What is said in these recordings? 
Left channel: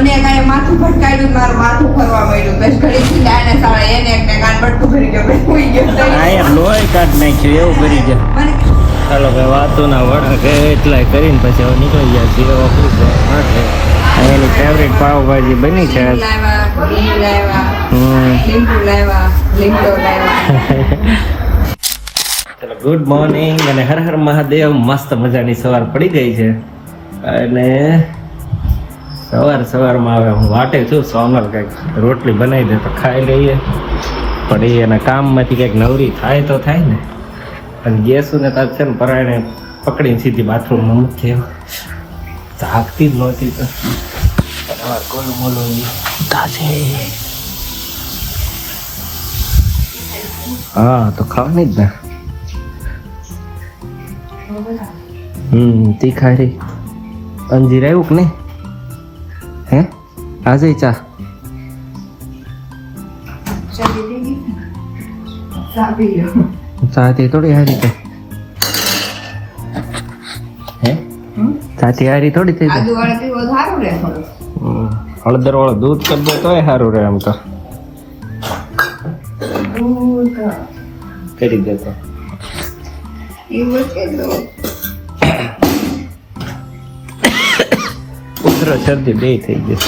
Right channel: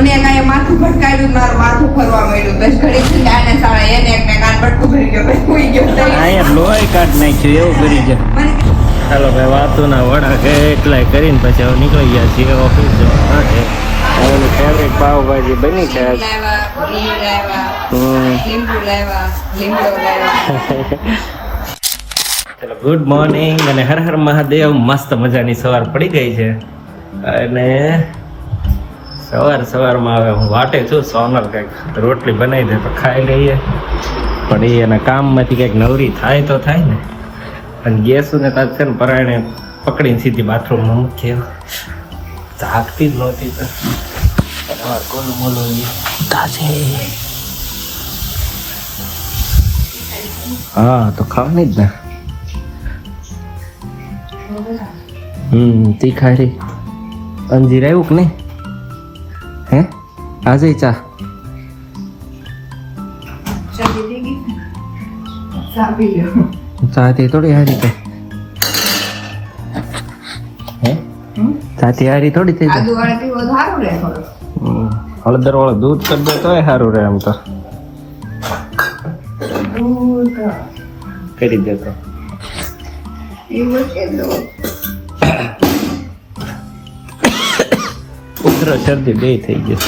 મને કઈ માથું ભટકાયું, મારું માથું ફરવા માંડ્યું. બસ ઘડી છે ને આને સામે એને એક કાન બટકું ભરી ગયો, બસ સુઈ ગયો. અહીંયા લોહી કાઢ નાખ્યું એવું કરી ગયા. ચાલો ભાઈ વાતોના વડા કે એટલાય કરીને પછી હવે નીકળી ગયા છીએ ઓફિસ માટે. એની ફેવરેટ પાવભાજી બની છે. ચલો ગુડ મોર્નિંગ અને હર હર મહાદેવ. મસ્ત મજાની સવાર પડી ગઈ છે અને સવારમાં હવે હું વાટે છું સોનલ કંઈક રોટલી બનાવી દે તો ખાઈ લઈએ. પણ એ એના કામમાંથી કંઈક નવરી થાય તો થાય ને. અને ગેસુને તાર છે ને પરાયણે પકડીને સીધી બાથરૂમમાં મૂકી થાકતી જ નહોતી. તો કોલું મોલું તાશે હા તો ખાવાની જ ને. તીખારી અંજીર આવ્યું કે નહીં? હે આજે ચા ચાથી થોડી હારી તો હે ચાથી હારી થોડી થઈ જાય. હળદર વાળું દૂધ કરી દે તોય સારું રહે. એમ તો કરી દેતો ઉધરો શરદી બે થઈ ગઈ.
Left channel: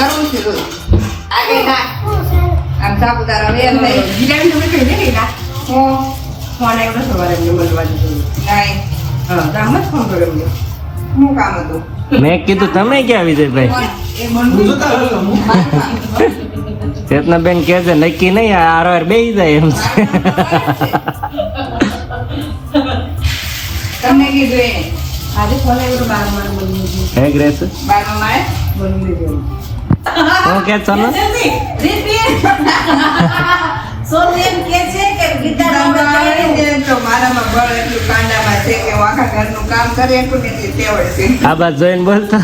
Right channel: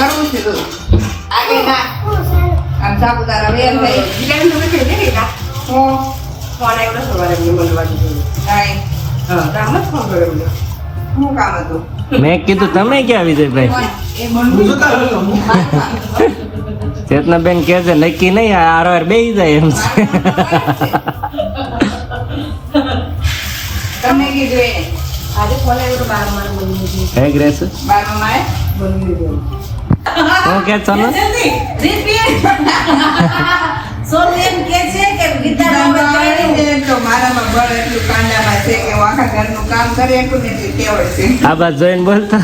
મેં કીધું તમે ક્યાં વિજયભાઈ? ચેતના બેન કે છે નક્કી નહીં આરવાર બે જાય એમ છે. ગ્રેસ હું કે ચાલો આ બાદ જોઈને બોલતા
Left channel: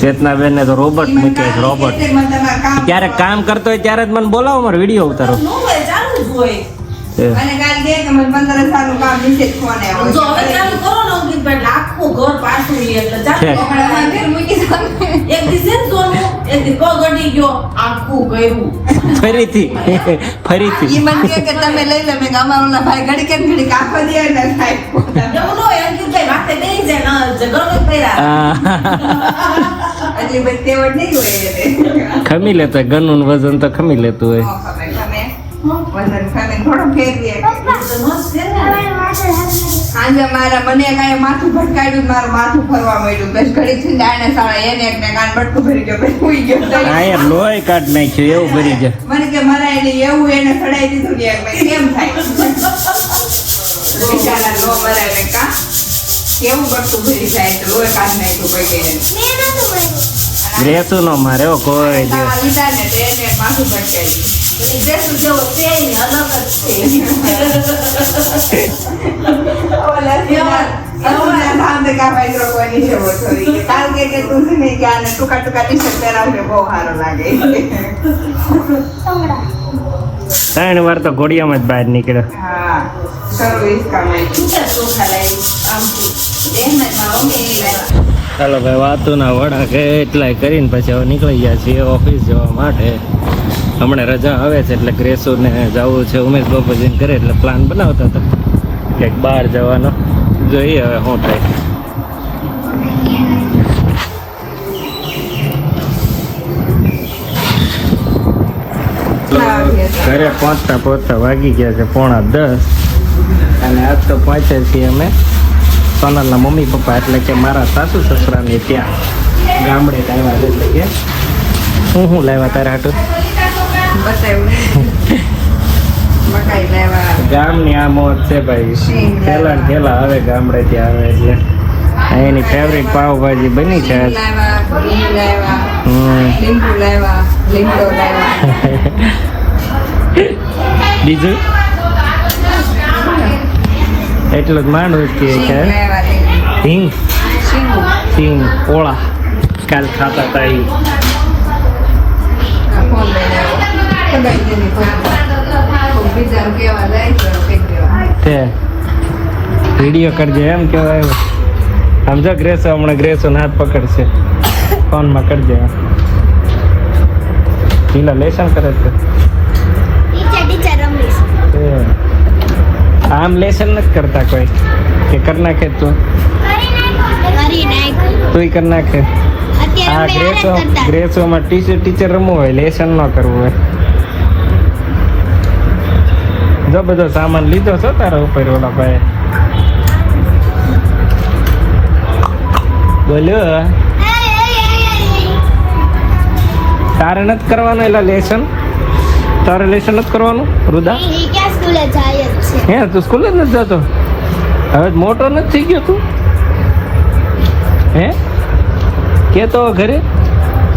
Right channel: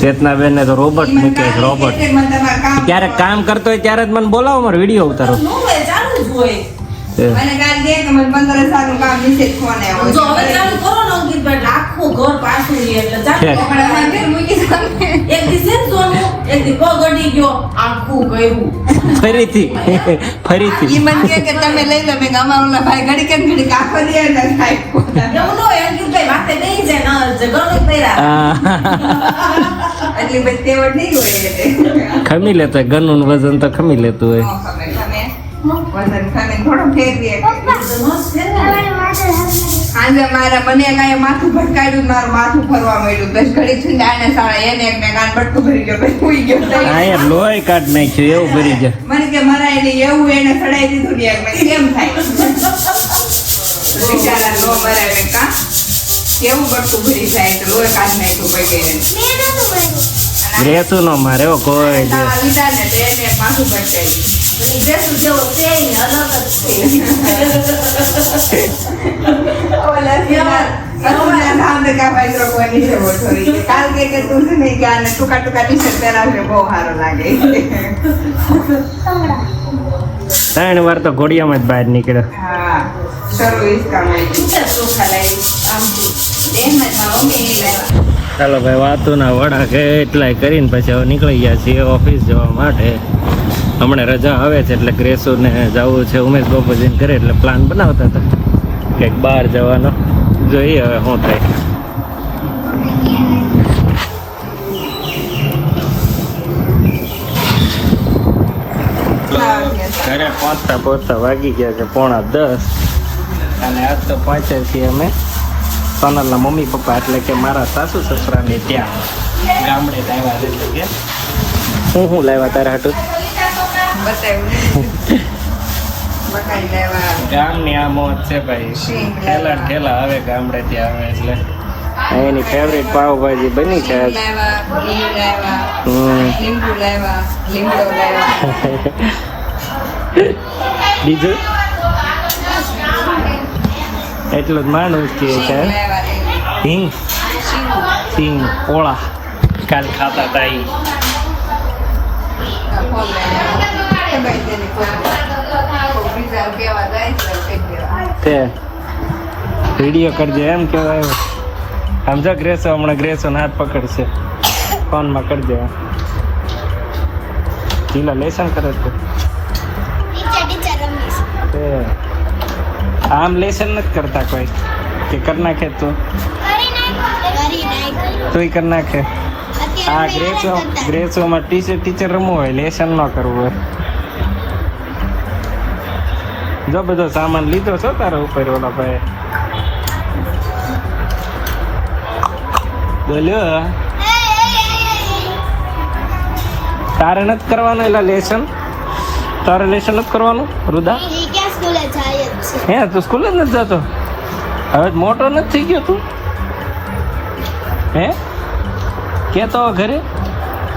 ચેતના બેન ને તો રોબોટ મૂક્યો છે. રોબોટ ક્યારેક કામ કરતો હોય ત્યારે જ મને બોલાવો, મારો વિડીયો ઉતારો. ફરીથી તમે લઈ લો અમારો ભાઈ ઘડી ઘડી ખમી લેતો હોય. ગનનું વજન તો ખમી લેતું હોય. માથું ભટકાયું, મારું માથું ફરવા માંડ્યું. બસ ઘડી છે ને આને સામે એને એક કાન બટકું ભરી ગયો, બસ સુઈ ગયો. અહીંયા લોહી કાઢ નાખ્યું એવું ભરી જાય. મને કે મરાય નહીં એવું એને ખડાઈ દીધું ને કેમ થાય બિચારા નો મરાય કે કા કેવું બટકું ભરી જાય તો લોહી કાઢ નાખ્યું બગેરે. રેતું નો મારે કોઈ દે લીધા ને તેને માથું ભટકાયું. વાર તો ઘોડિયામાં જ બહાર નીકળે. ચાલો ભાઈ વાતોના વડા કે એટલાય કરીને પછી હવે નીકળી ગયા છીએ ઓફિસ જવા માટે. હમણાં રજા આવે છે એટલે ગ્રેસોને જવું છે ઉમેશ બાપુજીને ઘરે એટલે પ્લાન બનાવતા હતા ક્યાંક બહાર જવાનો. જોઈએ હવે શું થાય. ઘરે પહોંચતા વાગી ગયા છે 9:30 અને આજ તો પહોંચ્યા છીએ અમે સોનલના મમ્મી પપ્પા એટલે કે મારા સાસુ સસરાની ત્યાં ગામડે આવ્યા છે. એટલે કે શું લાવ્યા તારા હાટું? ગામની આ મોજ છે ભાઈ. ખેલા આવે ગામડેથી આવે એટલે એની ફેવરેટ પાવભાજી બની છે. બીજું એટલું જ માંડવું કે સિંગ પોળા કાલ ખાતા હતા. એક્ઝામ કેવા જાય છે તે વિડીયો કરજે એમ કહેવાય. આમ જો ગ્રેસો હમણાં ગ્રેસો હાથ પકડશે ફોનમાં કરજે. પેલા લેસન કરે છે આમ લેસન નથી કરતા કોઈ કે કર નાખે તું કર નાખે. આ ગ્રેસોમાં ટીચર રમવું હોય લેસન ન કરવું હોય. જો બધો સામાન લીધો છો તારા ઉપર ઓલા ભાઈ બોલ્યો તારે નથી કરવાનું એલા લેસન. તારે લેસન નથી કરવાનું રુદા? હે તું સ્કૂલે જ નથી જતો? હવે મોટો નથી થઈ ગયો તું? હે કેતો ઘરે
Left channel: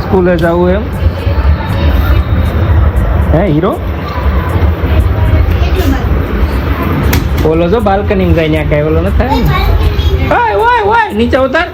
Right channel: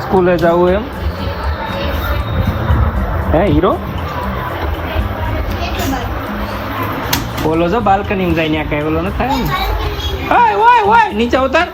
સ્કૂલે જવું એમ? હે હીરો ઓલો જો બાલ્કનીમાં જાય ત્યાં કઈ ઓલો નથી થાય ને. ઓય નીચે ઉતાર.